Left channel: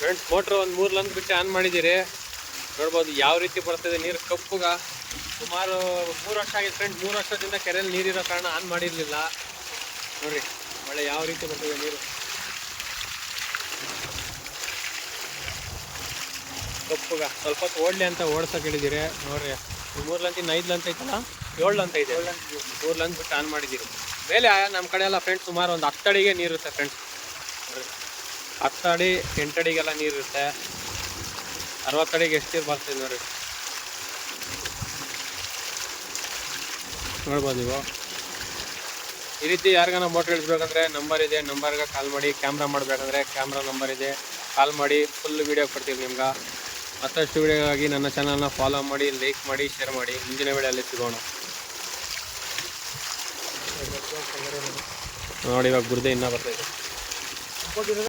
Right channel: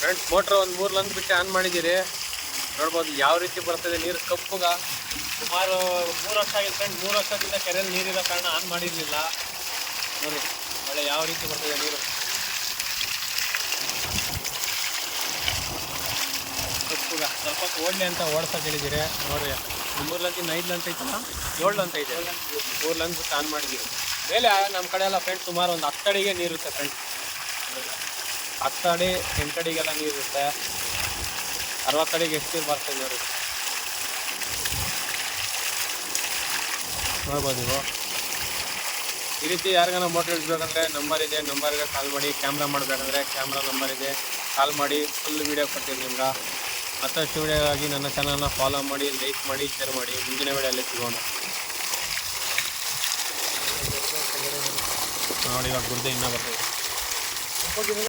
Friends motor ಒಂದು 3 lung ಬಿಟ್ಟು on ಮಾಡಿದ್ದೀರಿ. ನೋಡ್ಬೋದು ಯಾವ ರೀತಿ ಬರ್ತದೆ ನೀರು ಕಪ್ಪುಗ. ಸುಮಾರು 3 ವರ್ಷ ಆಗಿದೆ ಫ್ರೆಂಡ್. 3 ವರ್ಷದಿಂದ ಕೆರೆಯಲ್ಲಿ ನೀರಿರೋ ಕಾರಣ ಆನ್ ಮಾಡಿರಲಿಲ್ಲ. ನೋಡ್ರಿ ಒಳ್ಳೆ ಯಾವ ರೀತಿ ಬರ್ತದೆ ನೀರು ಕಪ್ಪುಗ. ಸ್ವಲ್ಪ ಹೊತ್ತು ಓಡಲಿ ಅಂತ ಓಡ್ಸಕ್ಕೆ ಹೇಳಿದ್ದೀರಿ. ನೋಡ್ರಿ 3 ಲಂತಿಂದ 5 ಲಂತ ಐತಲ್ಲ, 7 ಲಂತ ಇದೆ. 3 ಲಂಗ್ ಬಿಟ್ಟು ಆನ್ ಮಾಡಿದ್ದೀರಿ. ಮೇಲೆ ನಮ್ಮ ಕಡೆ ಎಲ್ಲ ಫ್ರೆಂಡ್ಸ್ ಸುಮಾರು ಒಂದು 10 ಅಡಿಗೆ ನೀರು ಇರುತ್ತೆ ಫ್ರೆಂಡ್ಸ್. 10 ಅಡಿ 8 ಅಡಿಗೆಲ್ಲ ನೀರು ಇರುತ್ತೆ. 60 ಅಡಿಗೆ ಎಷ್ಟು ನೀರು ಬರ್ತದೆ ನೋಡಿ. ನೋಡ್ಬೋದು ನೀವು. ಈ ರೀತಿ ಯಾರಿಗಾನ ಮೋಟ್ರ್ ಇಳಿಸ್ಬೇಕಂದ್ರೆ ನಂಬರ್ ಇದೆ, ನಂಬರ್ಗೆ ಕಾಲ್ ಮಾಡಿ. ಕ್ಯಾಮ್ರಾ ಮಾಡಬೇಕಂದ್ರೆ ಕ್ಯಾಮ್ರಾ ನಂಬರ್ ಇದೆ, ಕಾಲ್ ಮಾಡಿ. ಫುಲ್ ವೀಡಿಯೋ ಕೊಡ್ತೀವಿ ನಿಮ್ಗೆ. ಮತ್ತಷ್ಟು ವೀಡಿಯೋಗಾಗಿ ನನ್ನ ಚಾನಲ್ನ ಫಾಲೋ ಮಾಡಿ, ಲೈಕ್ ಮಾಡಿ, ಶೇರ್ ಮಾಡಿ. ಮುಂದಿನ ವೀಡಿಯೋಲ್ಲಿ ಸಿಗೋಣ. ನೋಡಿ ಇವಾಗ ಗುರ್ದೆ ಇನ್ನೂ ಬರ್ತದೆ.